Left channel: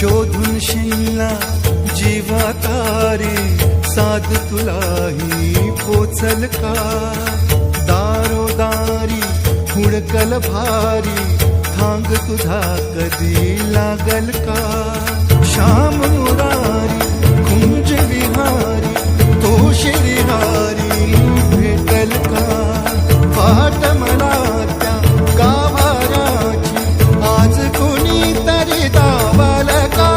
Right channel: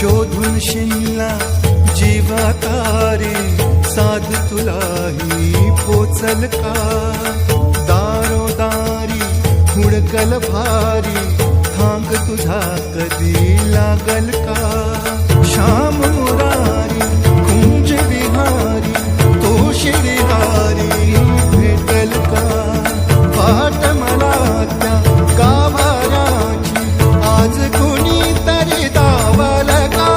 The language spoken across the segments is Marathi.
शोधून शिनला जीवा तारे साध तुलाही पोचल का दारोदारी हुडकल भारी थांग तुझा कधी लागल का श्याम मुरारी कुंज विहारी तो श्रीहारी भेटल का वाट मला त्या गाभाराची आज कोणी तरी दावल का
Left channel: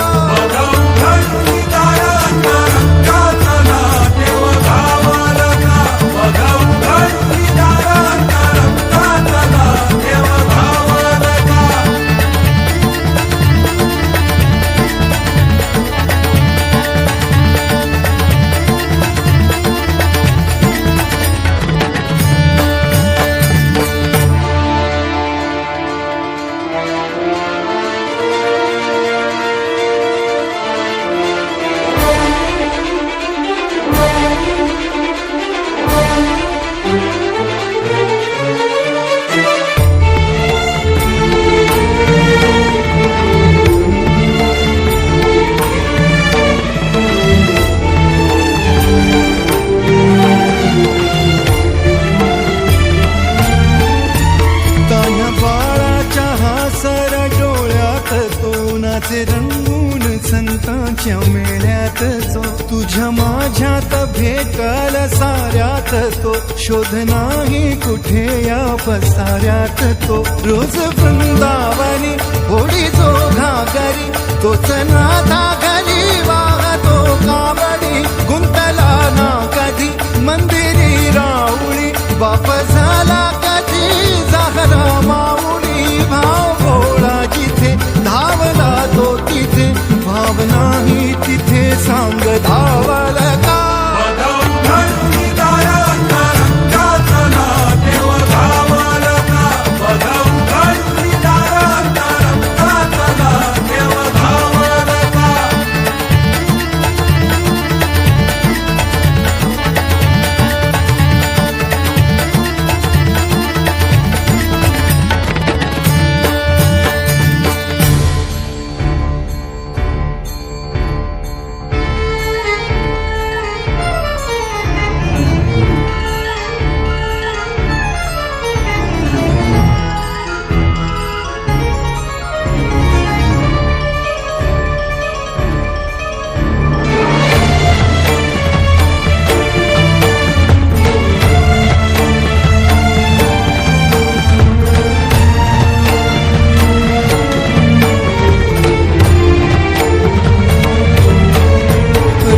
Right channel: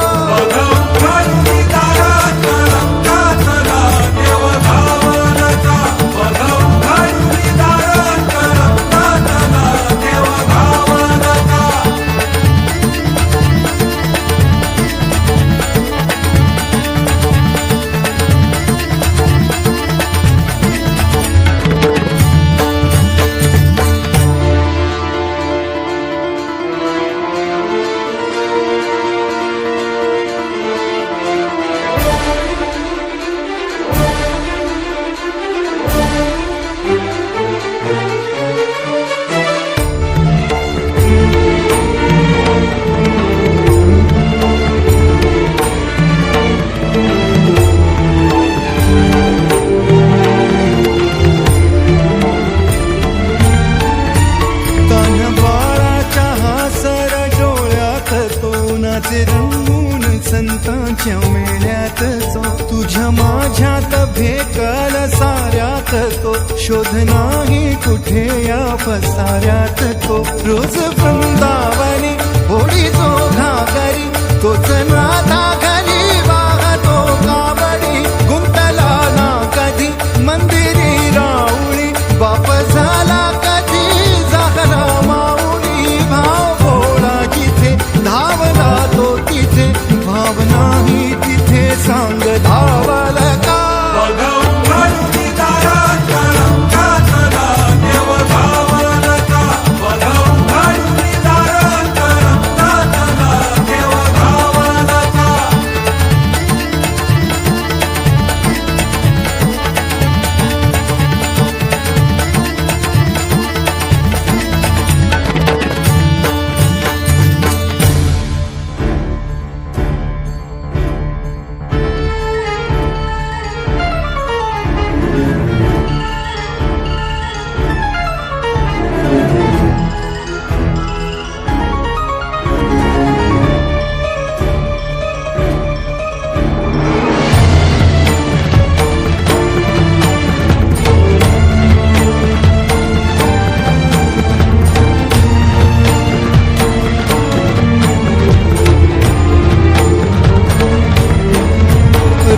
सर डोळ्यात तो नाचे रंगून संतांच्या मेळ्यात जो तुझ्या माझ्यात भेकल साऱ्यात तो शोध नाही कुठे या पसाऱ्यात तो रोज वृंदावनी होडी जो घागरी तोच नाथा घरी वाहतो कावडी गुंतला ना कधी मंदिरी राऊळी बाप झाला कधी जाहरा माऊली भाव भोळा जिथे धावला तो तिथे भावना ही तिथे सांग धावल का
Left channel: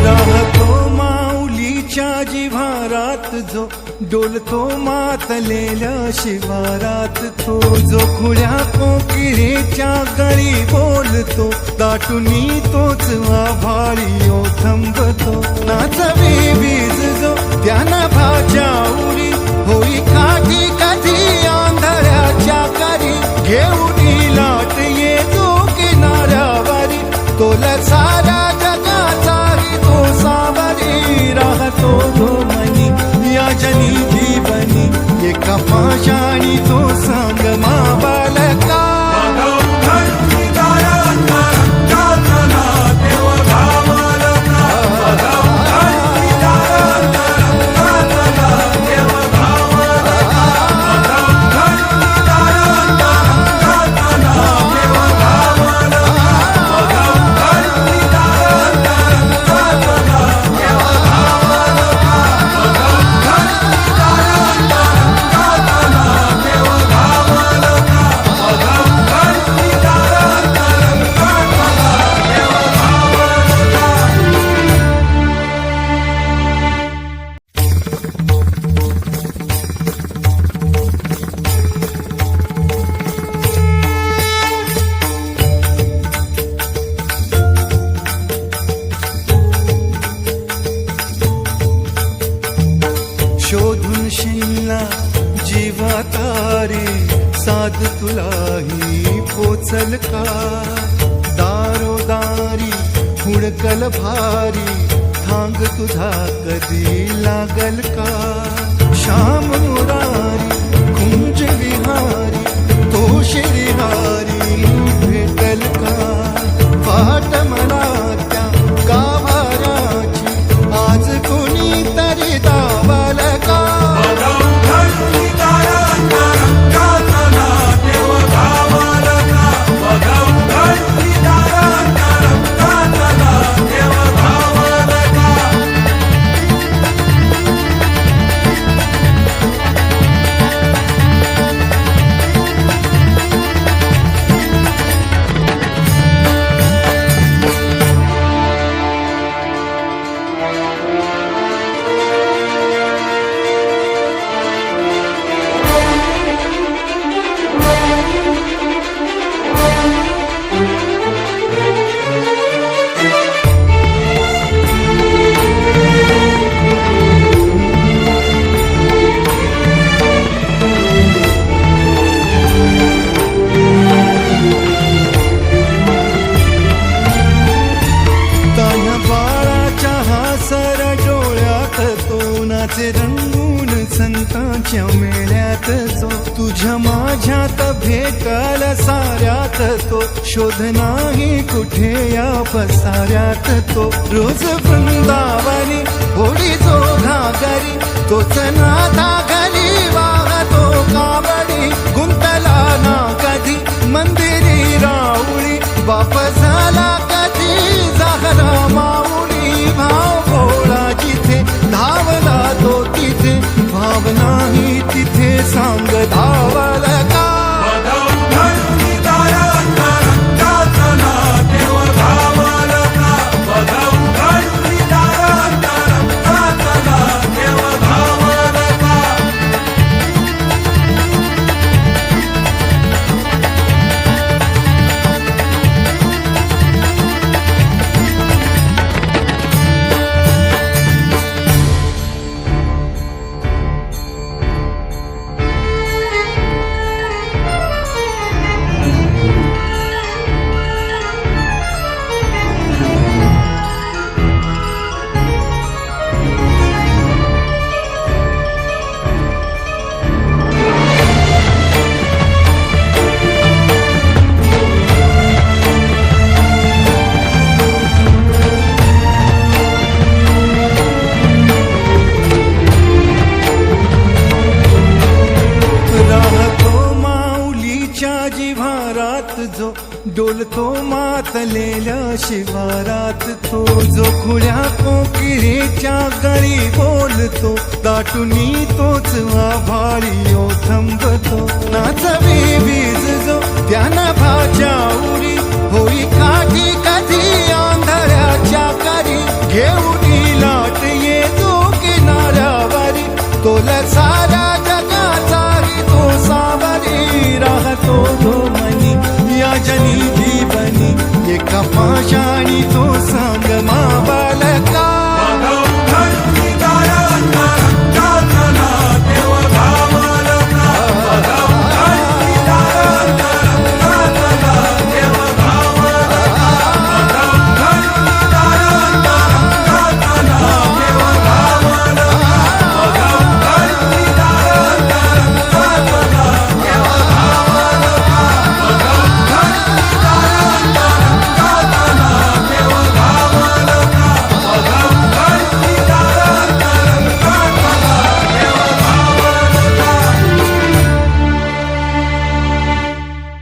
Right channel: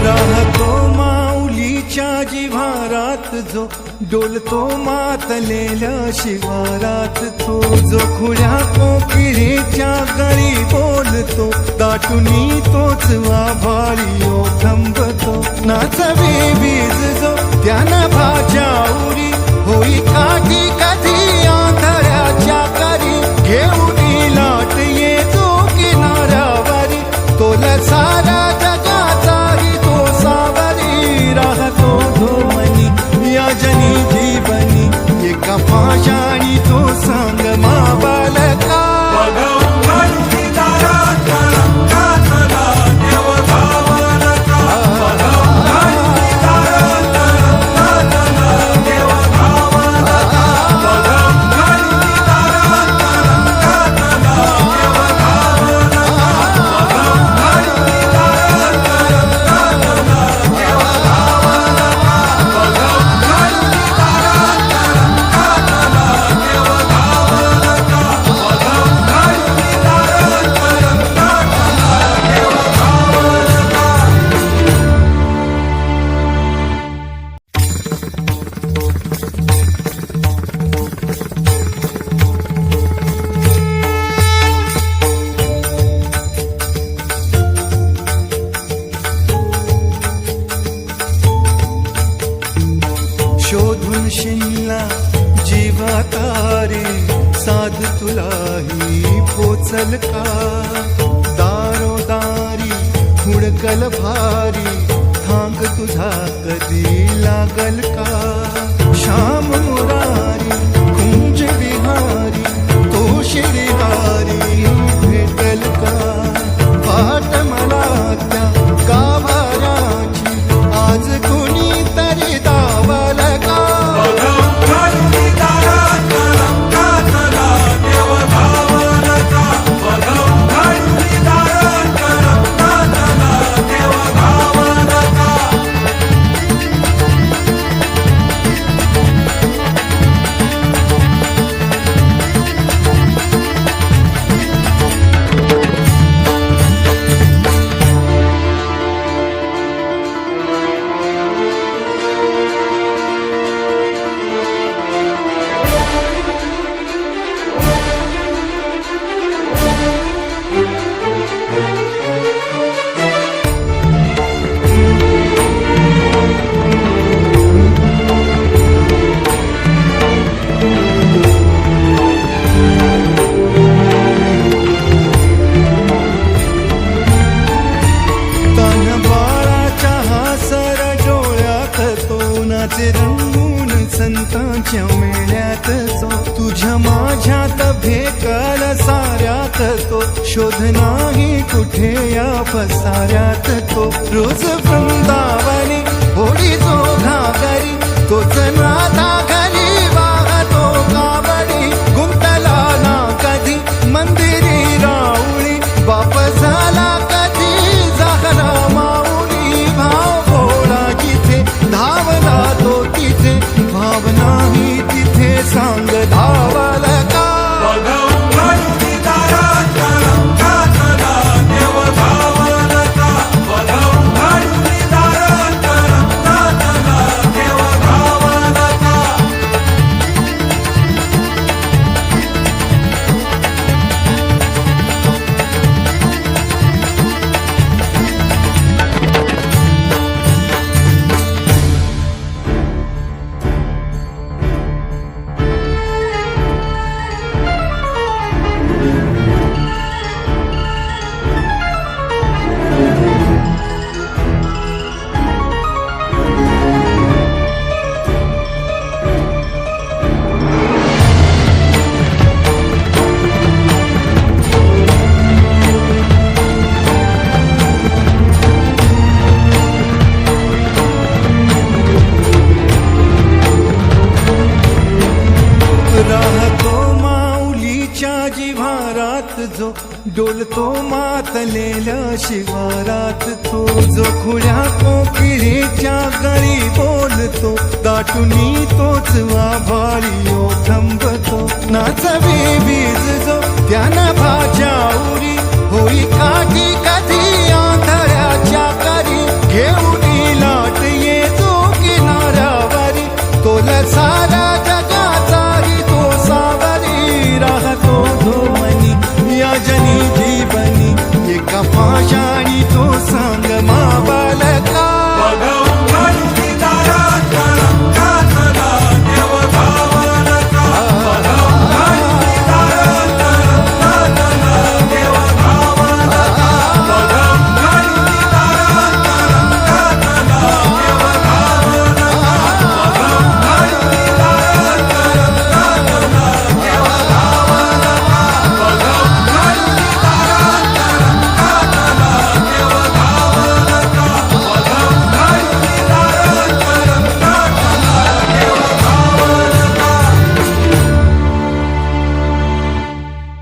राहतो माऊलीच्या जिव्हारात जो डोलतो मातलेल्या शिवारात तो जो खुड्या कोकिळेच्या गळी बोलतो दाटुनी तोच आभाळी ओ थंबतो नाचवी वीज जो त्यानं भाच्या उरी होई काठी कधी आंधळ्याच्या करी घेऊन लाट ये जो किनाऱ्यावरी तोला सारा जगाचाही तो सावरी राहतो धो मनी या जनी जीवनी एका पाशाणी तो सांग माबालका शोधून शिनला जीवा तारे साध तुलाही पोचल का दारोदारी हुडकल भारी थांग तुझा कधी लागल का श्याम मुरारी कुंज विहारी तो श्रीहारी भेटल का वाट नाचे रंगून संतांच्या मेळ्यात जो तुझ्या माझ्यात भेटल साऱ्यात तो शोध नाही कुठे या पसाऱ्यात तो रोज वृंदावनी होडी जो घागरी तोच नाथा घरी वाहतो कावडी गुंतला ना कधी मंदिरी राऊळी बाप झाला कधी झाला माऊली भाव भोळा जिथे धावला तो तिथे भाव नाही तिथे सांग धावल का राहतो माऊलीच्या जिव्हारात जो डोलतो मातलेल्या शिवारात तो जो खुल्या कोकिळेच्या गळी बोलतो दाटुनी तोच आभाळी थांबतो नाचवी बीज जो त्यानं भाच्या उरी होई काठी कधी आंधळ्याच्या करी घेऊन लाट ये जो किनाऱ्यावरी तोला सारा जगाचा तो सावरी राहतो तो मनी या जनी जीवनी एका पाशाणी तो सांग माबाला